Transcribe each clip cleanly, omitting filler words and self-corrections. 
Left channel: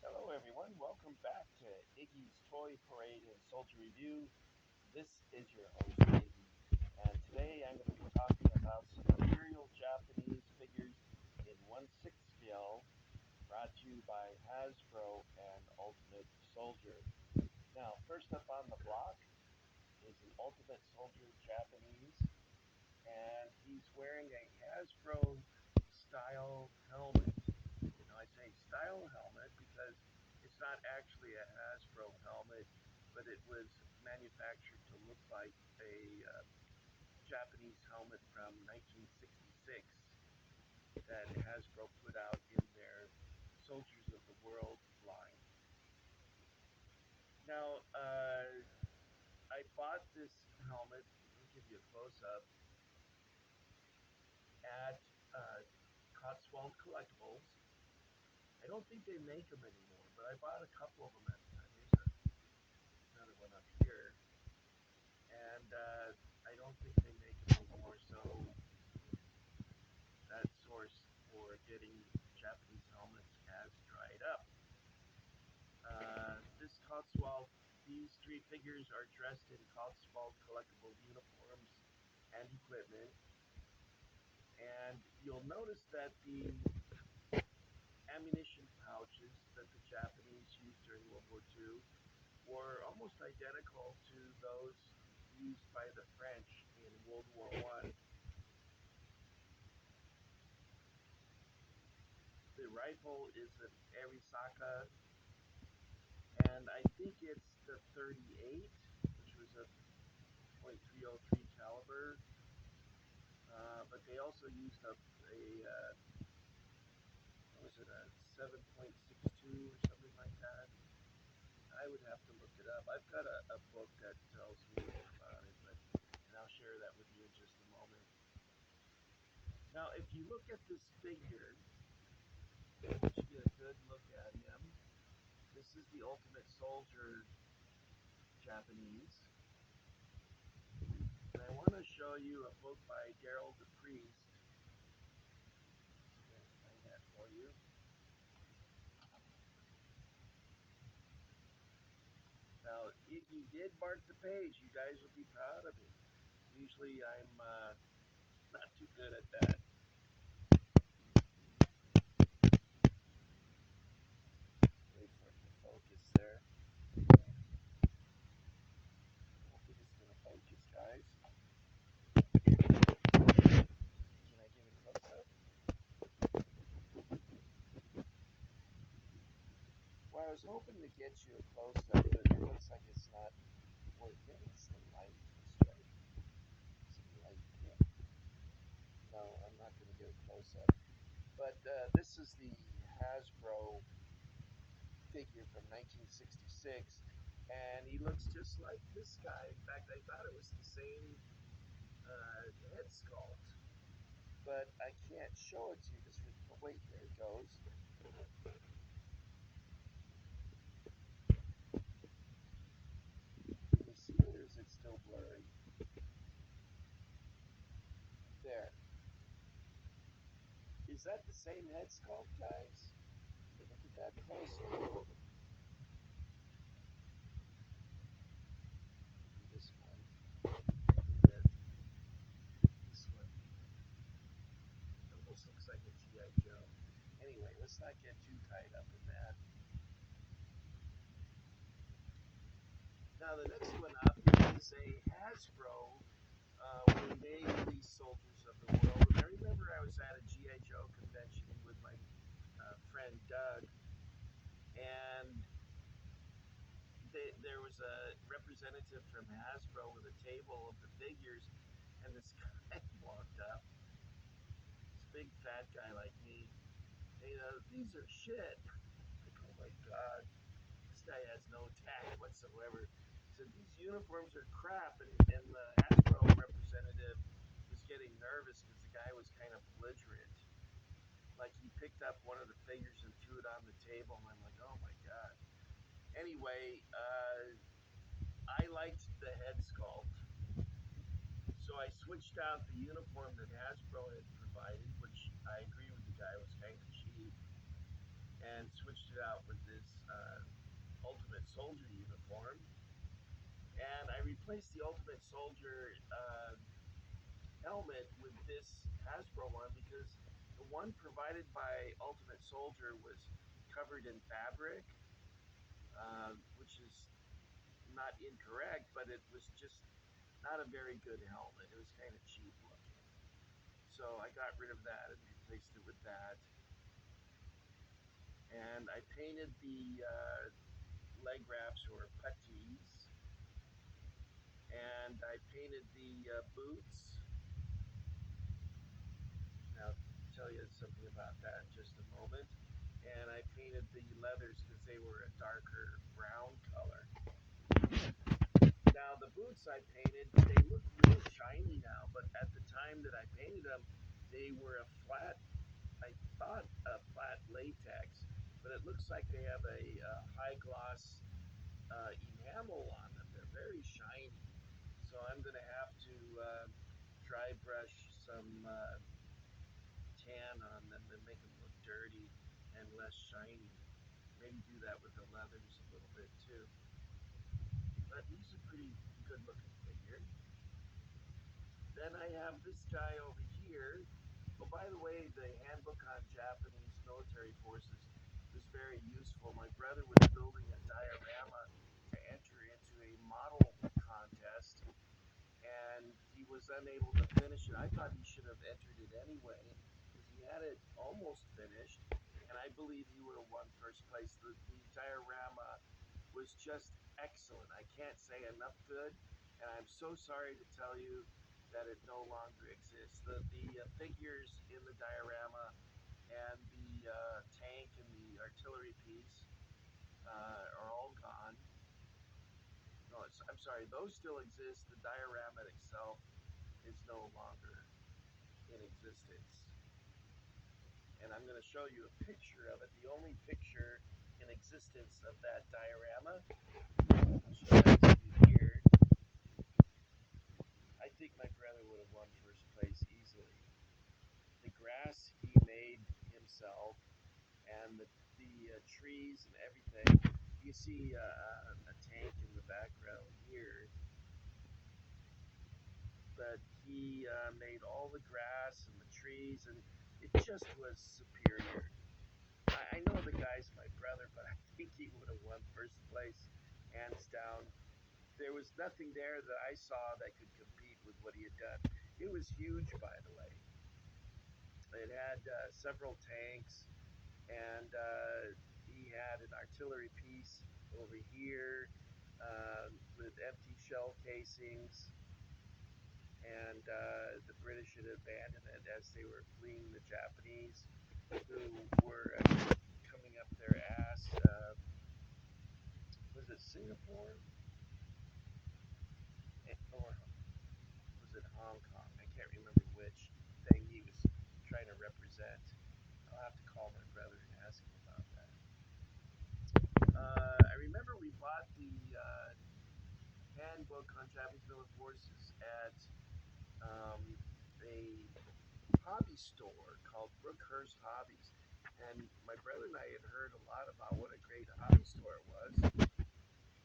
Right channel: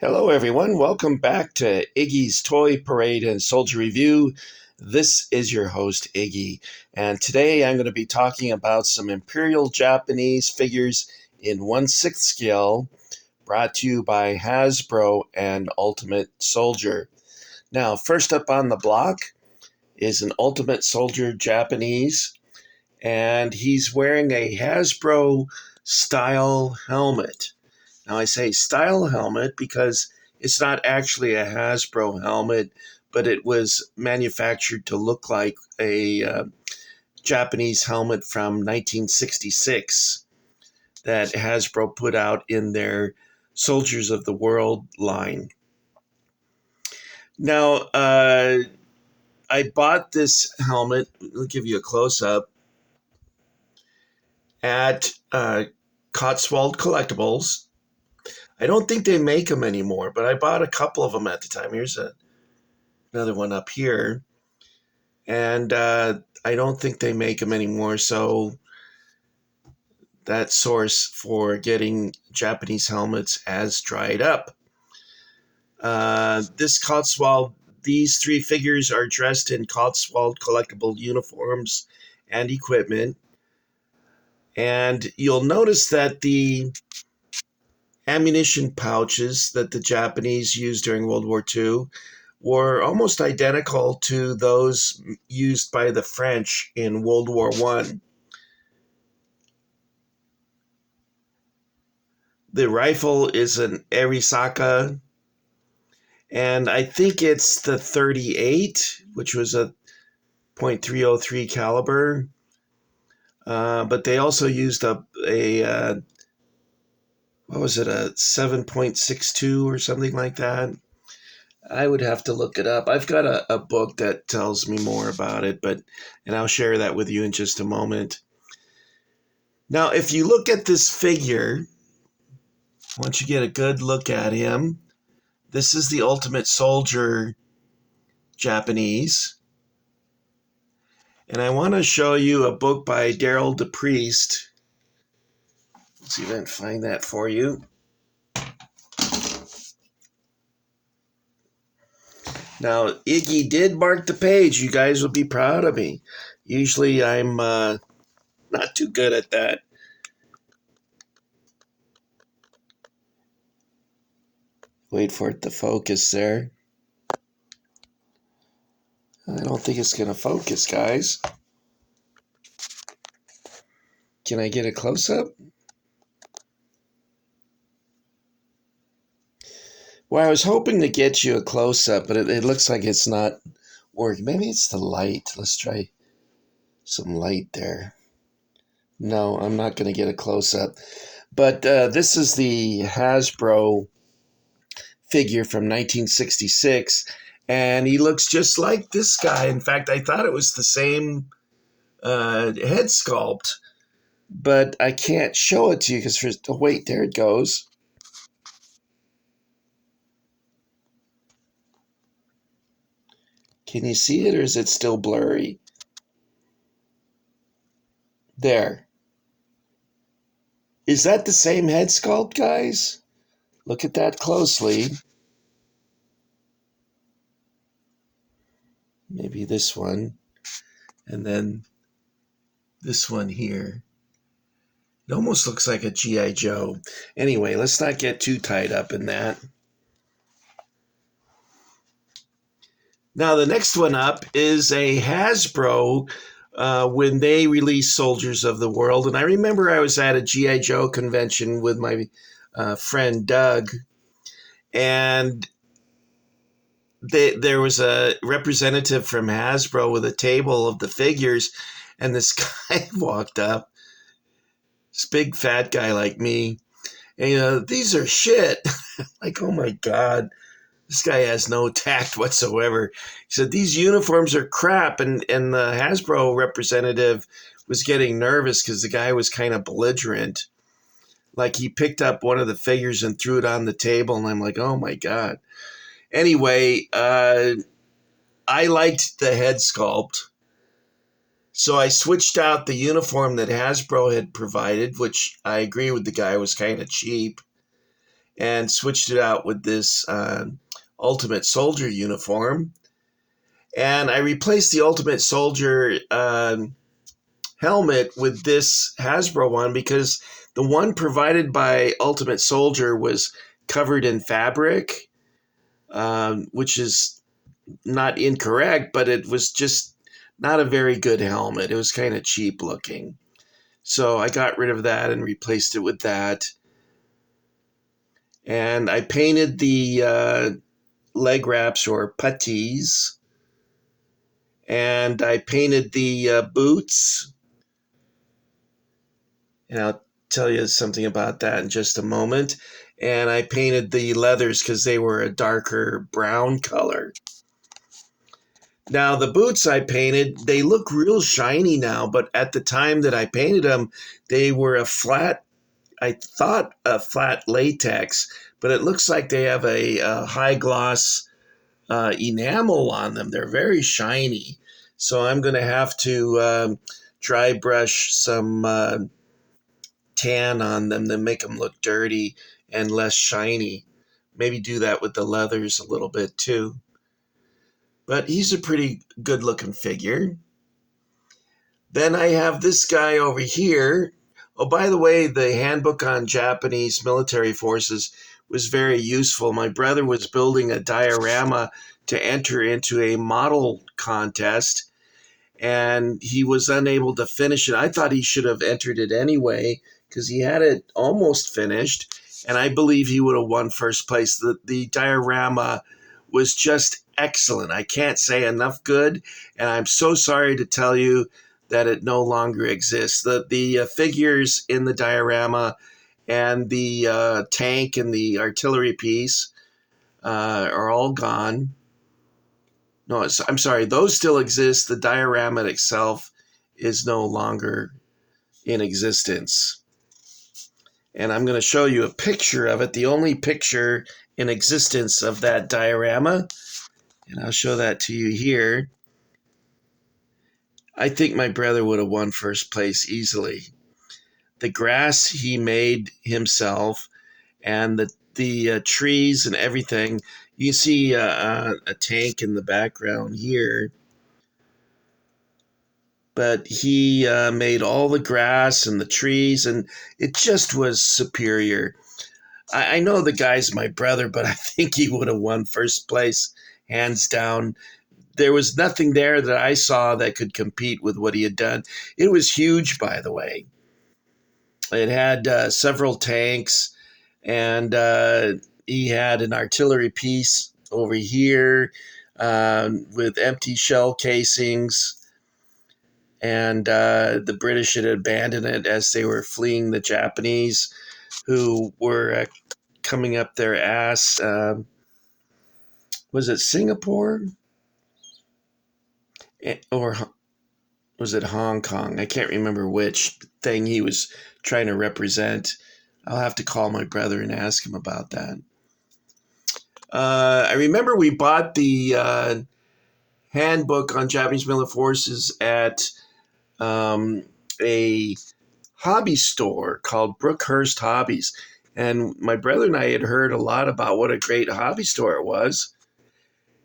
Hello, everyone. Welcome back to Iggy's Toy Parade and Soldier Review. This is your host, Iggy, and today I'm going to be talking about some Imperial Japanese figures in 1/6 scale brought to you by Hasbro and Ultimate Soldier. Now, first up on the block is an Ultimate Soldier Japanese, and he's wearing a Hasbro style helmet. Now, I say style helmet because it's not actually a Hasbro helmet, but it was manufactured to look like a Japanese helmet from 1966 that Hasbro put out in their Soldiers of the World line. Now, I bought this helmet, I'll give you a close-up, at Cotswold Collectibles. I don't think they make them anymore, but I bought a couple of them at the time. Here's another one up here. And I don't think they make them anymore, so that source for getting Japanese helmets has dried up. This Cotswold, these three figures are dressed in Cotswold collectible uniforms and equipment. And you'll notice that the ammunition pouches that the Japanese used during World War II were almost identical to those used by the French in World War I. The rifle is an Arisaka, and I think it's the 38, which was a .303 caliber. But they also used a what was it, a 7.62 or something like that. I would have to look it up. I've got a book that tells me more about it, and I'll share that with you in just a moment. Now, if you look at this figure, once you get a good look at him, this is the Ultimate Soldier Japanese. And I want to show you a book by Daryl DePriest. Let's see if I can find that for you. Now, Iggy did mark the page. You guys will be proud of me. Usually I'm not too good at that. Wait for it to focus there. I don't think it's going to focus, guys. Can I get a close-up? Well, I was hoping to get you a close-up, but it looks like it's not working. Maybe it's the light. Let's try some light there. No, I'm not going to get a close-up. But this is the Hasbro figure from 1966, and he looks just like this guy. In fact, I thought it was the same head sculpt, but I can't show it to you because oh, wait, there it goes. Can you see it, or is it still blurry? There. Is that the same head sculpt, guys? Look at that closely. Maybe this one. And then this one here. It almost looks like a G.I. Joe. Anyway, let's not get too tied up in that. Now, the next one up is a Hasbro when they released Soldiers of the World. And I remember I was at a G.I. Joe convention with my friend Doug, and there was a representative from Hasbro with a table of the figures, and this guy walked up, this big fat guy like me, and these are shit. Like, oh my God. This guy has no tact whatsoever. He said, these uniforms are crap. And the Hasbro representative was getting nervous because the guy was kind of belligerent. Like, he picked up one of the figures and threw it on the table. And I'm like, oh, my God. Anyway, I liked the head sculpt. So I switched out the uniform that Hasbro had provided, which I agree with the guy was kind of cheap. and switched it out with this Ultimate Soldier uniform. And I replaced the Ultimate Soldier helmet with this Hasbro one because the one provided by Ultimate Soldier was covered in fabric, which is not incorrect, but it was just not a very good helmet. It was kind of cheap looking. So I got rid of that and replaced it with that. And I painted the leg wraps or puttees. And I painted the boots. And I'll tell you something about that in just a moment. And I painted the leathers because they were a darker brown color. Now, the boots I painted, they look real shiny now, but at the time that I painted them, they were a flat latex, but it looks like they have a high gloss enamel on them. They're very shiny. So I'm going to have to dry brush some tan on them to make them look dirty and less shiny. Maybe do that with the leathers a little bit too. But he's a pretty good looking figure. Then I have this guy over here. Oh, by the way, the handbook on Japanese military forces was very useful. My brother was building a diorama to enter into a model contest, and he was unable to finish it. I thought he should have entered it anyway because he had it almost finished, and I believe he would have won first place. The diorama was just excellent. I can't say enough good, and I'm so sorry to tell you that it no longer exists. The figures in the diorama and the tank and the artillery piece are all gone. No, I'm sorry, those still exist. The diorama itself is no longer in existence. And I'm going to show you a picture of it, the only picture in existence of that diorama. And I'll show that to you here. I think my brother would have won first place easily. The grass he made himself, and the trees and everything. You see a tank in the background here, but he made all the grass and the trees, and it just was superior. I know the guy's my brother, but I think he would have won first place, hands down. There was nothing there that I saw that could compete with what he had done. It was huge, by the way. It had several tanks, and he had an artillery piece over here with empty shell casings, and the British had abandoned it as they were fleeing the Japanese, who were coming up their ass. Was it Singapore? Or was it Hong Kong? I can't remember which thing he was trying to represent. I'll have to call my brother and ask him about that. I remember we bought the handbook on Japanese military forces at a hobby store called Brookhurst Hobbies. And my brother and I had heard a lot about what a great hobby store it was.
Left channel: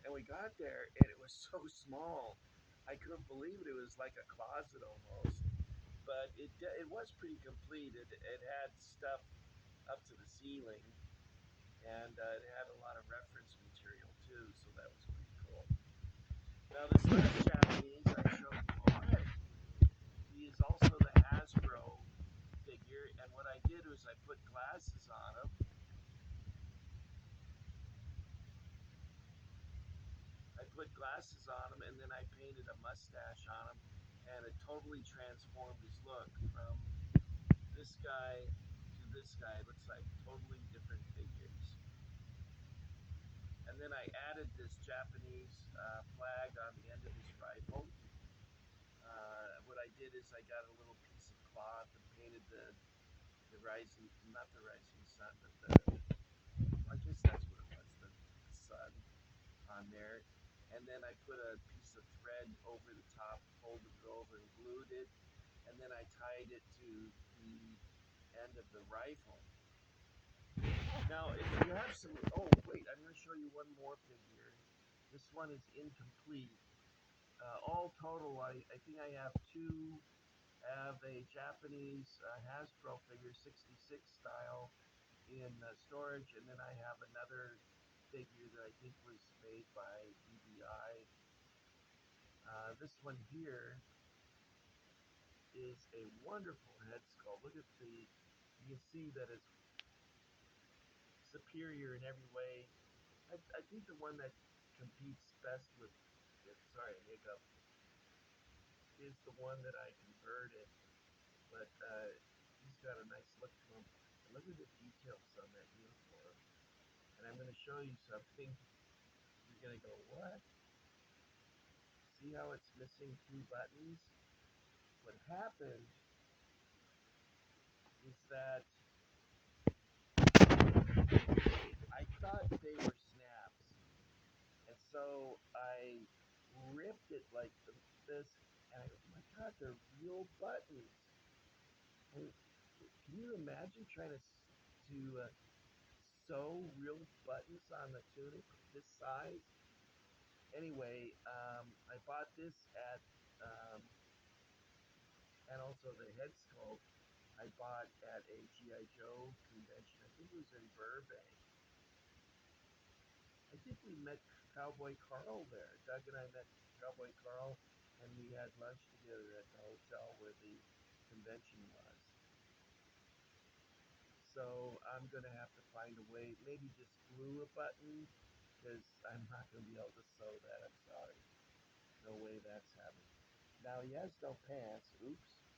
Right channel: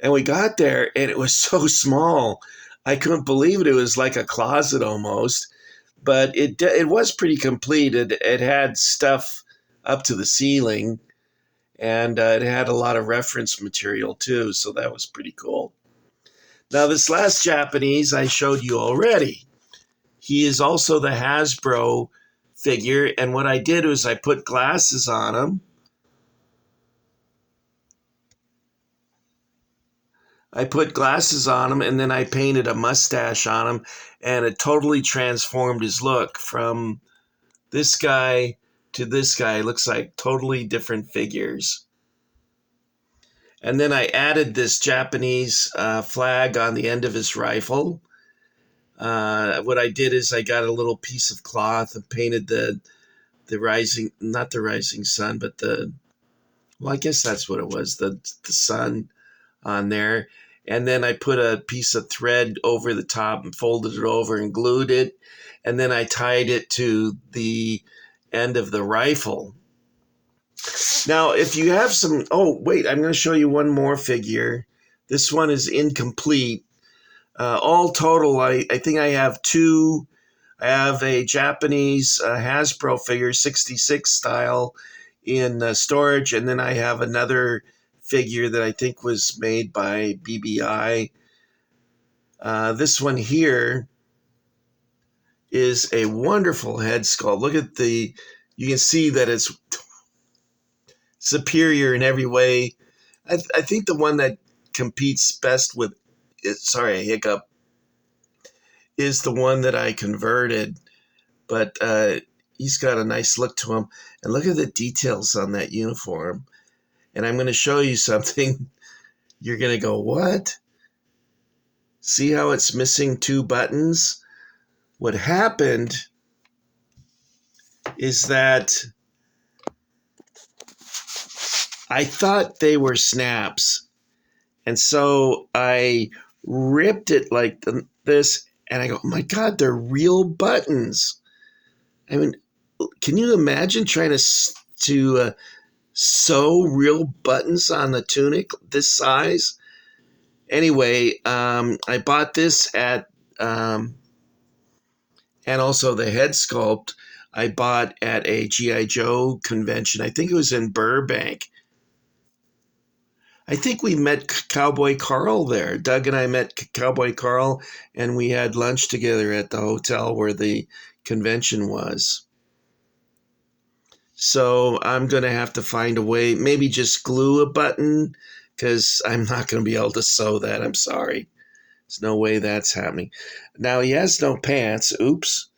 And we got there, and it was so small. I couldn't believe it. It was like a closet almost. But it was pretty complete. It had stuff up to the ceiling, and it had a lot of reference material too, so that was pretty cool. Now, this last Japanese I showed you already. He is also the Hasbro figure, and what I did was I put glasses on him. And then I painted a mustache on him, and it totally transformed his look from this guy to this guy. It looks like totally different figures. And then I added this Japanese flag on the end of his rifle. What I did is I got a little piece of cloth and painted the rising, not the rising sun, but well, I guess that's what it was, the sun on there. And then I put a piece of thread over the top and folded it over and glued it. And then I tied it to the end of the rifle. Now, if you have some, oh, wait, I'm going to show you one more figure. This one is incomplete. All total, I think I have two. I have a Japanese Hasbro figure, 66 style, in storage, and then I have another figure that I think was made by BBI. This one here is a wonderful head sculpt. Look at you can see that it's superior in every way. I think the one that competes best with it, sorry, a hiccup, is the one that I converted. But he's got a nice look to him. And look at the details on that uniform. And I'm going to show you something. You're going to go, what? See how it's missing two buttons? What happened is that I thought they were snaps. And so I ripped it like this, and I go, oh my God, they're real buttons. I mean, can you imagine trying to sew real buttons on the tunic this size? Anyway, I bought this at, and also the head sculpt I bought at a G.I. Joe convention. I think it was in Burbank. I think we met Cowboy Carl there. Doug and I met Cowboy Carl, and we had lunch together at the hotel where the convention was. So I'm going to have to find a way, maybe just glue a button, because I'm not going to be able to sew that. I'm sorry. There's no way that's happening. Now, he has no pants. Oops.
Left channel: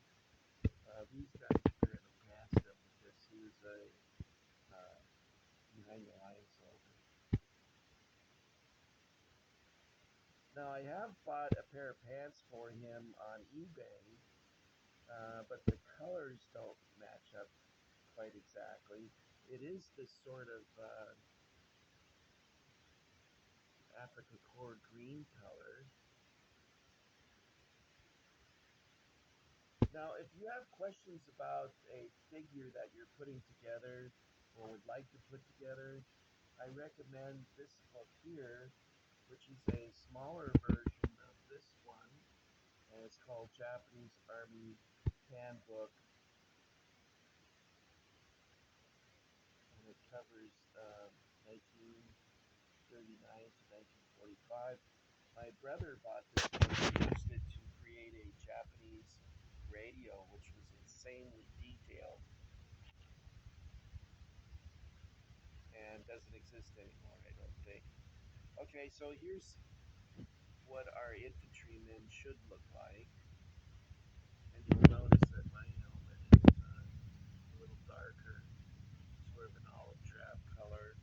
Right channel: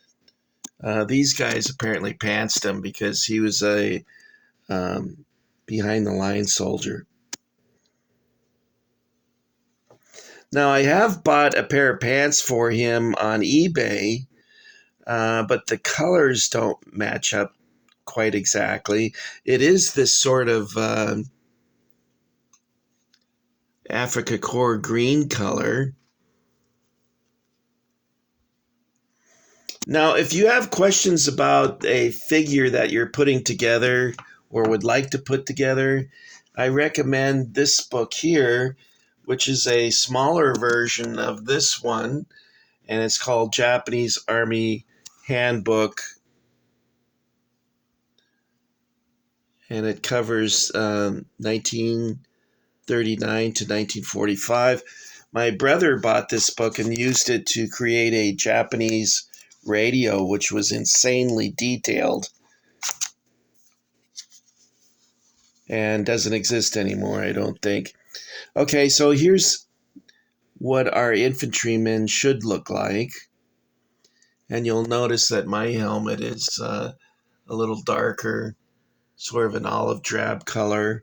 These guys apparently pantsed him because he was a behind-the-line soldier. Now, I have bought a pair of pants for him on eBay, but the colors don't match up quite exactly. It is this sort of Africa Core green color. Now, if you have questions about a figure that you're putting together or would like to put together, I recommend this book here, which is a smaller version of this one, and it's called Japanese Army Handbook, and it covers 1939 to 1945. My brother bought this book and used it to create a Japanese radio, which was insanely detailed and doesn't exist anymore, I don't think. Okay, so here's what our infantrymen should look like. And you'll notice that my helmet is a little darker, sort of an olive drab color.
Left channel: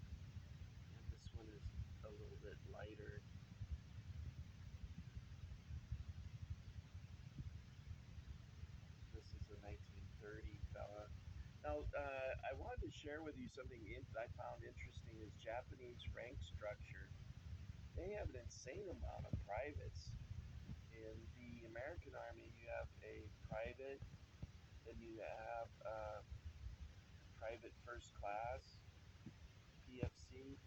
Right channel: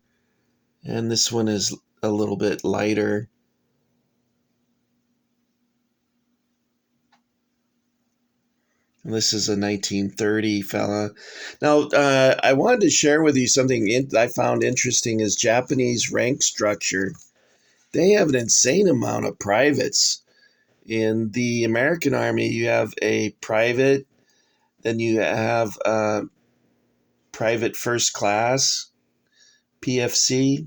And this one is a little bit lighter. And this is a 1930 fella. Now, I wanted to share with you something I found interesting is Japanese rank structure. They have an insane amount of privates. In the American Army, you have a private, then you have private first class, PFC,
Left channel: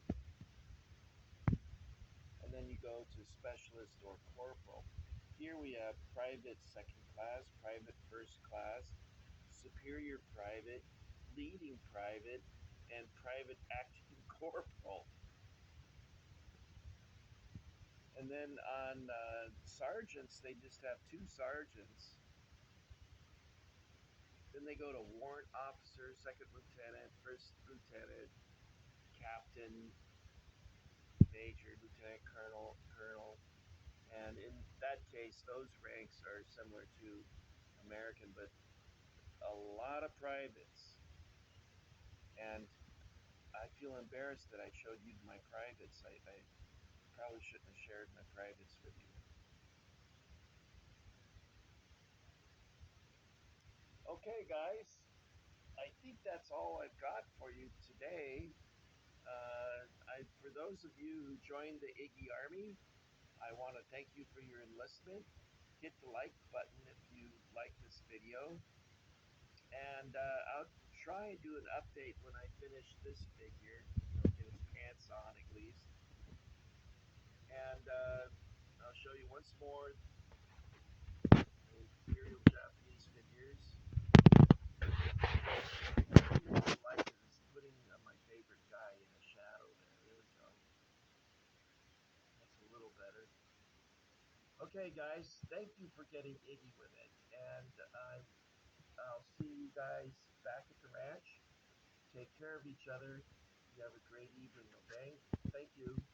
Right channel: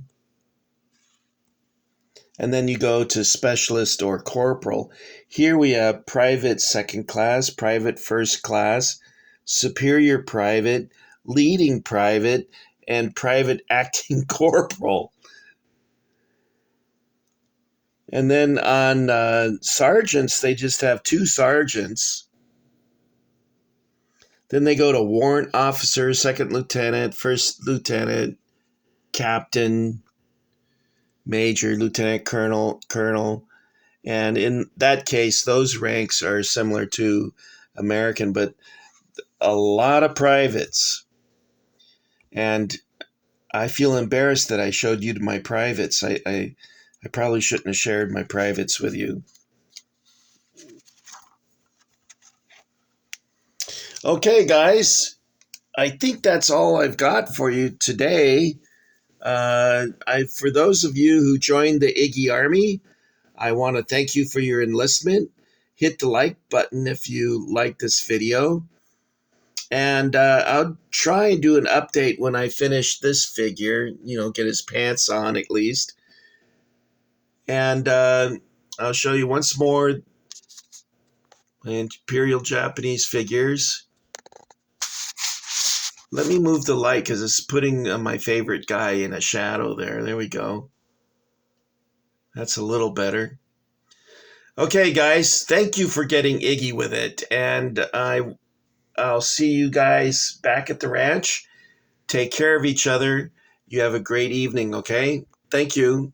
and then you go to specialist or corporal. Here we have private second class, private first class, superior private, leading private, and private acting corporal. And then on sergeants, they just have two sergeants. Then they go to warrant officer, second lieutenant, first lieutenant, captain, major, lieutenant colonel. And in that case, those ranks are similar to American, but a lot of privates. And I feel embarrassed that I showed you my privates. I probably shouldn't have shared my privates with you. Okay, guys, I think that's all I've got for you today. For those of you who joined the Iggy Army, I want to thank you for your enlistment. Hit the like button if you like this video. And I'll try and do an update when I finish this figure, get his pants on at least. And I'll show you once more Imperial Japanese figures. Let me move the light because it's putting my favorite guy in a shadow there. There we go. That's a little better. Okay, guys, thank you for getting Iggy with it. And I'll see you guys back at the ranch. Take care of each other. You have a great evening, okay? Thank you.